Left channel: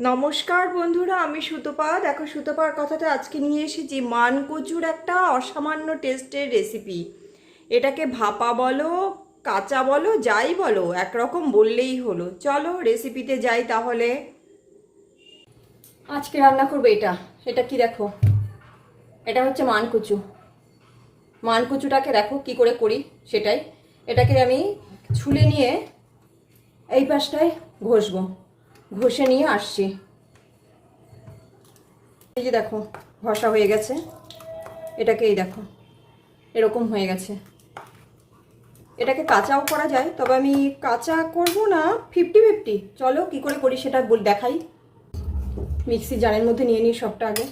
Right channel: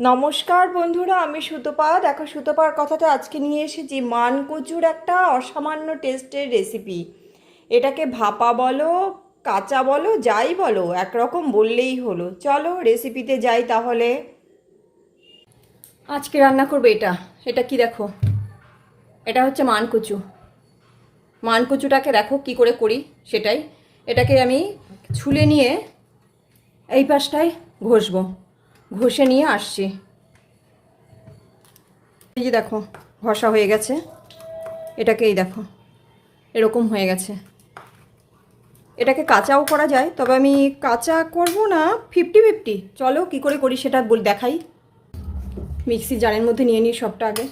নমস্কার বন্ধুরা, আমি সুতপা। দেখো, সুতপার কথাতে আজকে নিয়ে এসেছি। মানকচুর একটা অসামান্য টেস্টের রেসিপি এটাকে ভাপা বলো, কাঁচা বলো, যাই বলো, একরকম বললেই হলো। চলো রেসিপিতে যাই তাহলে। আজকে রান্না করব এটা। এটা কি দেখো? এটা হচ্ছে মানকুচু। মানকুচুটাকে দেখো কি করে করি সেটাই। এটাকে আমি ছুলে নিয়ে এই পাশটায় ঘষবো। ঘষে নিয়ে আসছি। এই যে দেখো, ঘষা হয়ে গেছে। এটাকেই দেখো, এরকম হয়ে গেছে। এটাকে কাঁচাও করা যায়, তবে আমি কাঁচা করব না ফিফটি ফিফটি চলো, কি করে করি সেটা বল, দেখাই। মিক্সি জারের মধ্যে নিয়ে নিই সবটা আগে।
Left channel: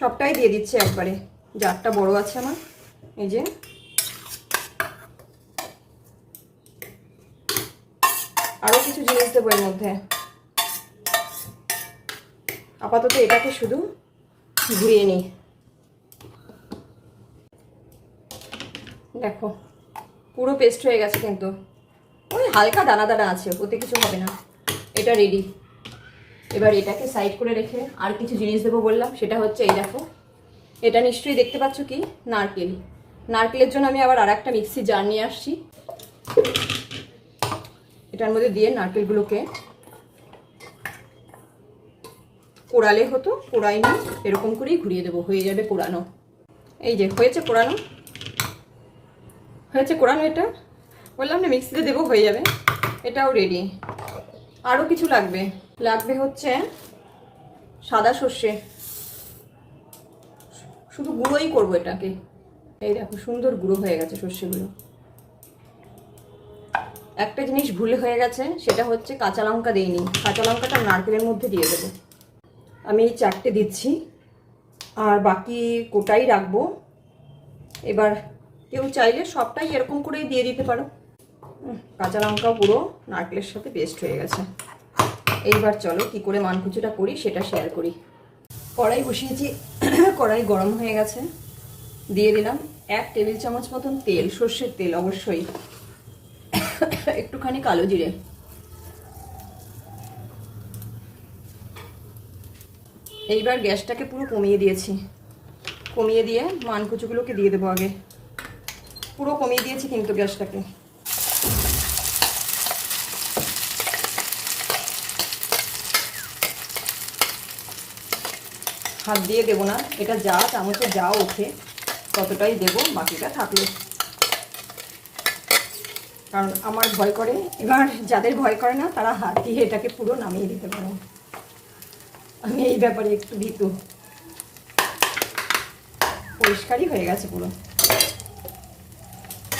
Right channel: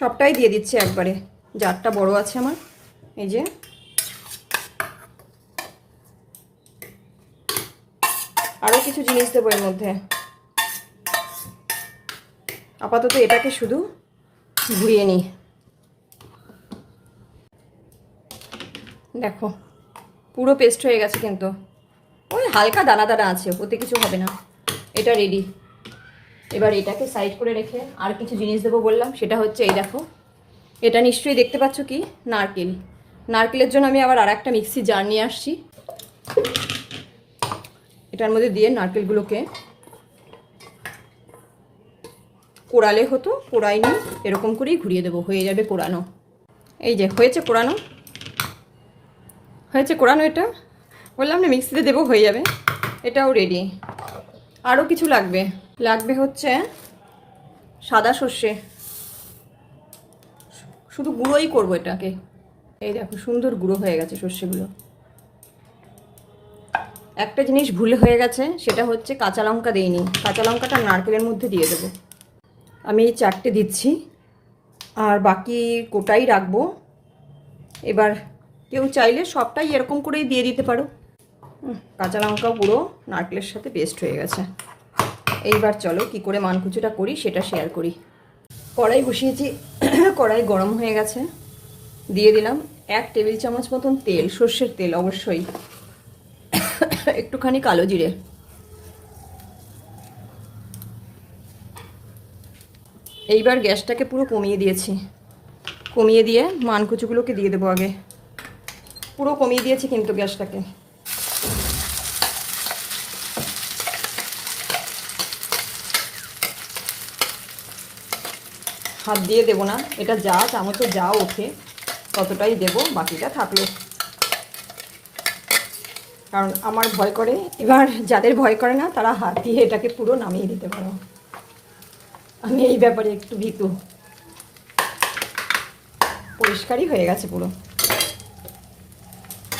সবটাই দিয়ে দিচ্ছি একবারে। জারটা বড় আছে আমার। এই যে কিছু জিনিস দেবো এর মধ্যে। আপাতত এটাকে শুধু ধুয়ে নিই। দেখো, পুরো পেস্ট হয়ে গেছে কিন্তু। ওই হালকা দানা দানা আছে, ওতে কিছু হবে না। এটা রেডি এবার এটাকে সাইড করে রেখে আর কিছু জিনিস দেবো বললাম, সেটা হচ্ছে এই দেখো। এটা নিশ্চয়ই দেখতে পাচ্ছ কি? নারকেল। নারকেলের জন্য আমি আবার আর একটা মিক্সি জার নিয়ে আসছি। এটার মধ্যে দিয়ে নারকেলগুলোকে পোড়ালে হতো পোড়াইনি এরকম করেই ঘুরিয়ে দেবো, হয়ে যাবে পোড়ানো এই যে, হয়েছে পোড়ানো হয়েছে কোরানো এটা? বললাম না, মিক্সিতে দেবো, হয়ে যাবে। এটাও রেডি আরও কিছু লাগবে। লাগবে হচ্ছে সাদা সর্ষে। শুধু গুঁড়োই করব এটাকে। এই দেখো, সুন্দর গুঁড়ো হয়ে গেছে সর্ষেগুলো। একটা জিনিস ভুল হয়ে গেছে, সেটা হচ্ছে কাঁচা লঙ্কা দিইনি। কাঁচা লঙ্কাটা নারকেলের মধ্যে দিয়ে দেবো। আমি চারটে দিচ্ছি, আর বাকি কোটাই রাখব। এবার কেউ চাইলে সবটাই এরকম করেই দিয়ে দিতে পারো। কাঁচা লঙ্কাও পুরো নারকেলের সাথে পেস্ট হয়ে গেছে। এইবার চলো কি করে মানকুচুটা করি, সেটা শেয়ার করি। কড়াই বসিয়েছি, কড়াই গরম হয়ে গেছে। দিয়ে দিলাম এক টেবিল চামচ মতন তেল, সর্ষের তেল অবশ্যই। একটুখানি কালো জিরে। এইবার গ্যাসটাকে পুরো কমিয়ে দিয়েছি। কমিয়ে দিয়ে মানকুচুগুলোকে দিয়ে দেবো আগে। পুরো কমিয়ে দিয়েছি কিন্তু গ্যাসটাকে। হাত দিয়ে দেবো না। এটা যা চামচে যা ওঠে, ততটাই দেবো, বাকিটা থাকল। কারণ আমার ভয় করে। এবার যাদের ভয় করে না, তারা হাত দিয়ে এটাকে পুরো নামিয়ে দিতে পারো। আমি এই ব্যাপারে একটু ভীতু। পরিষ্কারই হয়ে গেছে পুরো।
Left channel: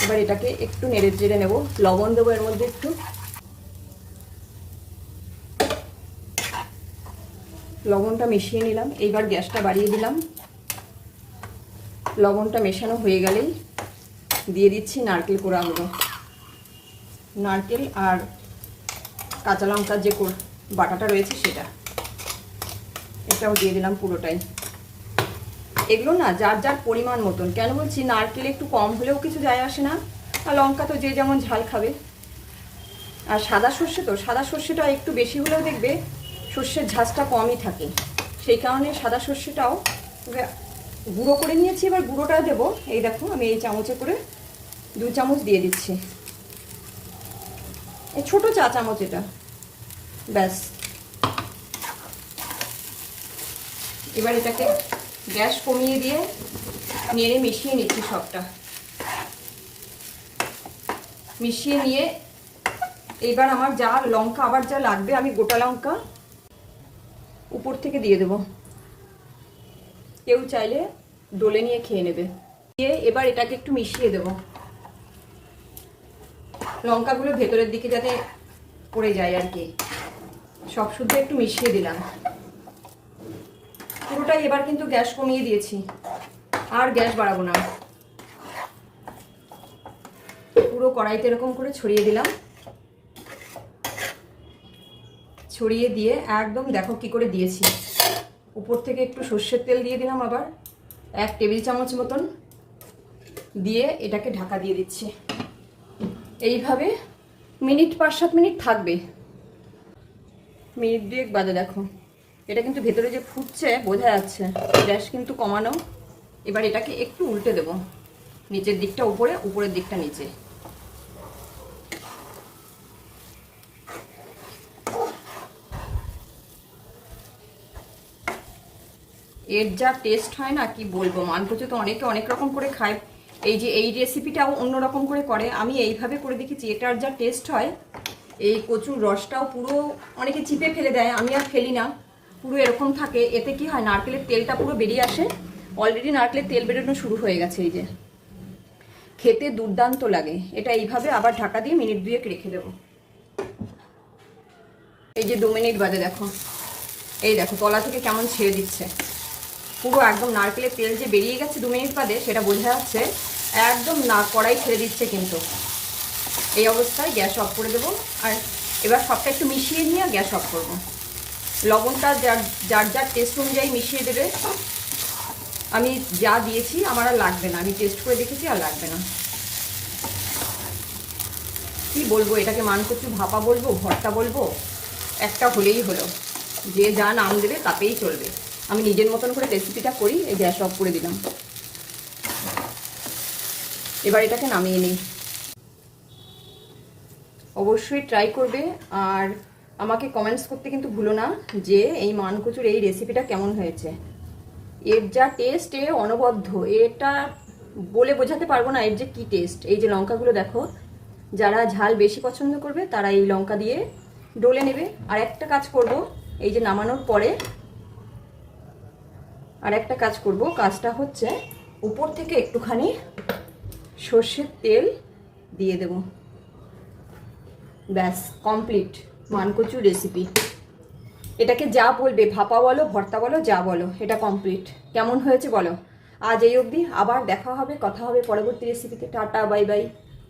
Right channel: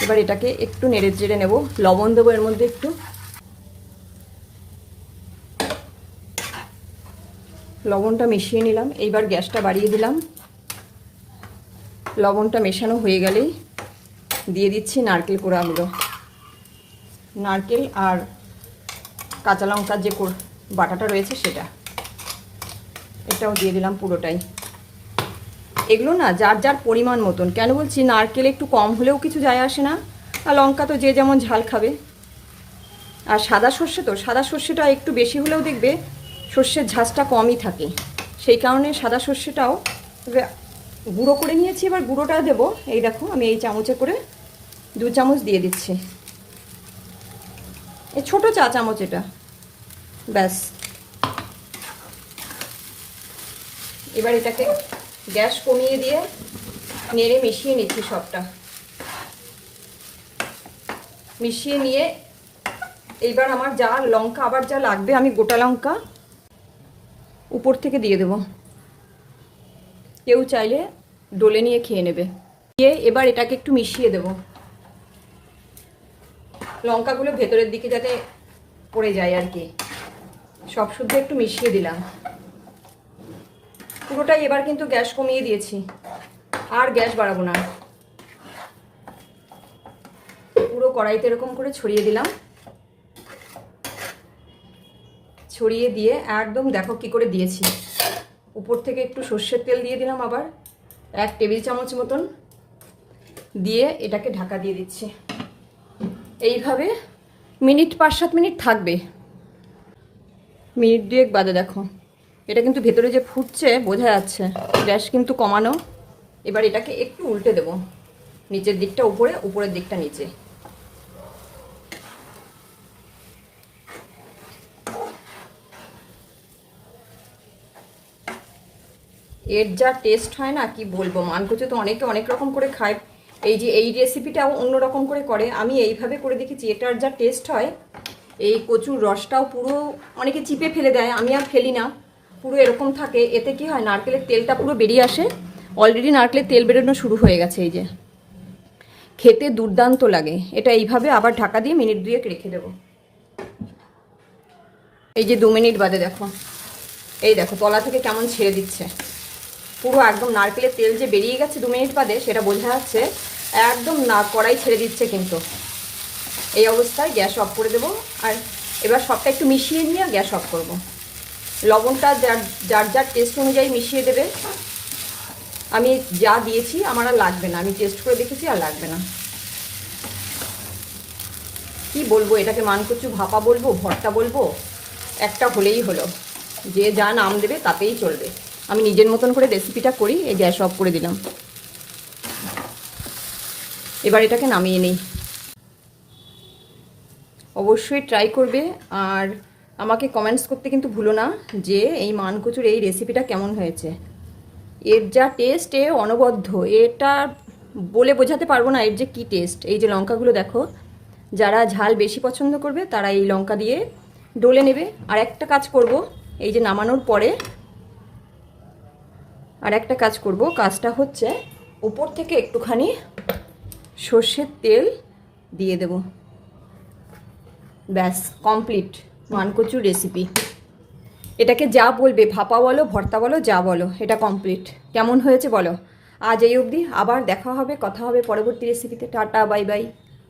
এবার এটাকে একটু নেড়ে চেড়ে নেব। লবণ দেবো এর মধ্যে একটু। লবণটা মিশিয়ে নিলাম। এইবার গ্যাসটা বাড়িয়ে দিলাম। লবণটা মেশানো হয়ে গেলেই দিয়ে দিচ্ছি নারকেল কোড়াগুলো নারকেল আর কাঁচা লঙ্কার যে বাটাটা রয়েছে সেটা। এটাও দিয়ে দিলাম পুরোটাই। এগুলো না যার যার পরিমাণ মতন। কেন বলছি নারকেল একটু কম হলেও কিছু যায় আসে না। আর লঙ্কা তো যে যেমন ঝাল খাবে। আর সাদা সর্ষে তো, সাদা সর্ষেটা একটু বেশি হলেও দেখবে সর্ষের ঝাঁজটা কমই থাকে। সেই কারণে সাদা সর্ষেটাও গুঁড়ো করে নিয়েছি, এবার গুঁড়োটা দেবো। এই দেখো আমি এই চামচে করে দু চামচ দিয়ে দিচ্ছি। এই ছোটো চা চামচ এটা। ব্যাস। এবার এটাকে গ্যাস কমিয়ে দিয়ে নেড়ে মিশিয়ে নিচ্ছি সবটা। মিশিয়ে নিয়ে এইবার আমার যা লঙ্কা, আবার যা লাগবে, আমি গোটা লঙ্কা উপর থেকে দিয়ে দেব। কেউ চাইলে ডলে নিয়ে খেয়ে নেবে। দিয়ে এবার এটাকে একটু মিশিয়ে দেব। লঙ্কাগুলো ভেতরের দিকে যাতে পড়ে যায় আর কি। সব শুদ্ধ একটু মিশিয়ে দিলাম। পুরোটাই এবার কিন্তু গ্যাস কমিয়ে দিয়েছি। আর গ্যাস বাড়াবো না। পুরো কড়াইতে এরকম করে ছড়িয়ে দিলাম। ছড়িয়ে দিয়ে একদম দেখো কি করে দিয়েছি। উপর থেকে একটু সর্ষের তেল দিয়ে দিলাম আবার। এক টেবিল চামচ মতন। দিয়ে এটাকে ঢাকা দিয়ে দিচ্ছি। এইভাবে মিনিট পাঁচ সাত মিনিট থাকবে। মিনিট দুয়েক বাদে দেখো। এটা কিন্তু ভেতরে যে ফুটছে, বোঝা যাচ্ছে। গ্যাস কিন্তু কমানো। এবার এটাকে একটু উল্টে দেব। নিচের দিকটা উপরে, উপরের দিকটা নিচে। এর যা টেস্ট হয় না, কি বলব? মানকচু তো অনেকে অনেক রকম করে খায়। এই যে এই রেসিপিটাও অন্য রকম করে করে, আমি এইভাবে করে দেখেছি, এটার যা টেস্ট হয়, এই কচুর রসটাও পুরো অনেকে চিপে ফেলে দেয়, আমি আর ফেলি না, পুরো এরকম থাকে, এতে কি হয়, নারকেলের তেলটা পুরো বেরিয়ে আসে অলরেডি নারকেলের তেল বেরোনো শুরু হয়ে গেছে এই যে। খেতে দুর্দান্ত লাগে, এটা এইভাবে আবার ঢাকা দিয়ে মিনিট দুয়েক রেখে দেবো। এই যে দু মিনিট বাদে দেখো, এই দেখো, তলা থেকে কেমন ছেড়ে দিচ্ছে। পুরো একদম নারকেলের তেল যে বেরিয়ে গেছে দু মিনিট বাদে, সেটা বোঝা যাচ্ছে, একদম না, কড়াই ছেড়ে দিচ্ছে কিন্তু। এই অবস্থায় গ্যাস অফ করে দেবো। আর এবার সবটা একটু মিশিয়ে নিয়ে গ্যাস অফ করব। লবণটা যার যার যার টেস্ট অনুযায়ী মিশিয়ে দেবে। আমি যা দিয়েছি, আমার আর লাগবে না। আমি টেস্ট করে দেখেছি, আর লাগবে না। কি বলব, এটাকে মান মানকচু ভাপা বলব, ভর্তা বলব, একটা হলেই হলো। যে যা নাম দেবে, তাতেই চলবে। আমি নিজের মতন করে রেসিপিটা করি, এই গ্যাস অফ করে দিলাম। এবার এটাকে নামিয়ে নিই। অবশ্যই ট্রাই করবে, আর আমাকে কমেন্টস করতে কিন্তু ভুলো না যে এই মানকচুর এই রেসিপিটা কেমন হয়েছে। এর যা টেস্ট এ অনবদ্য। এটা বলে বোঝাতে পারব না এর যে কী টেস্ট এই যে লঙ্কাগুলো দেখো, যারা ঝাল বেশি পছন্দ করবে, তারা এই লঙ্কা দিয়ে ডলে নেবে। আর একটা কাজ করব, এই যে নামানোর পরে আর একটা কাজ করব, কাজটা হচ্ছে উপর থেকে একটুখানি সর্ষের তেল দিয়ে দেব। ব্যাস কমপ্লিট মানকচুর রেসিপি এটাকে যা বলবে, ভাপা বলো, ভর্তা বলো, যা বলো, এটা কমপ্লিট কেমন হয়েছে বলো? আজ এই অবধি, আবার দেখা হবে, কথা হবে পরবর্তী রেসিপিতে টাটা বাই বাই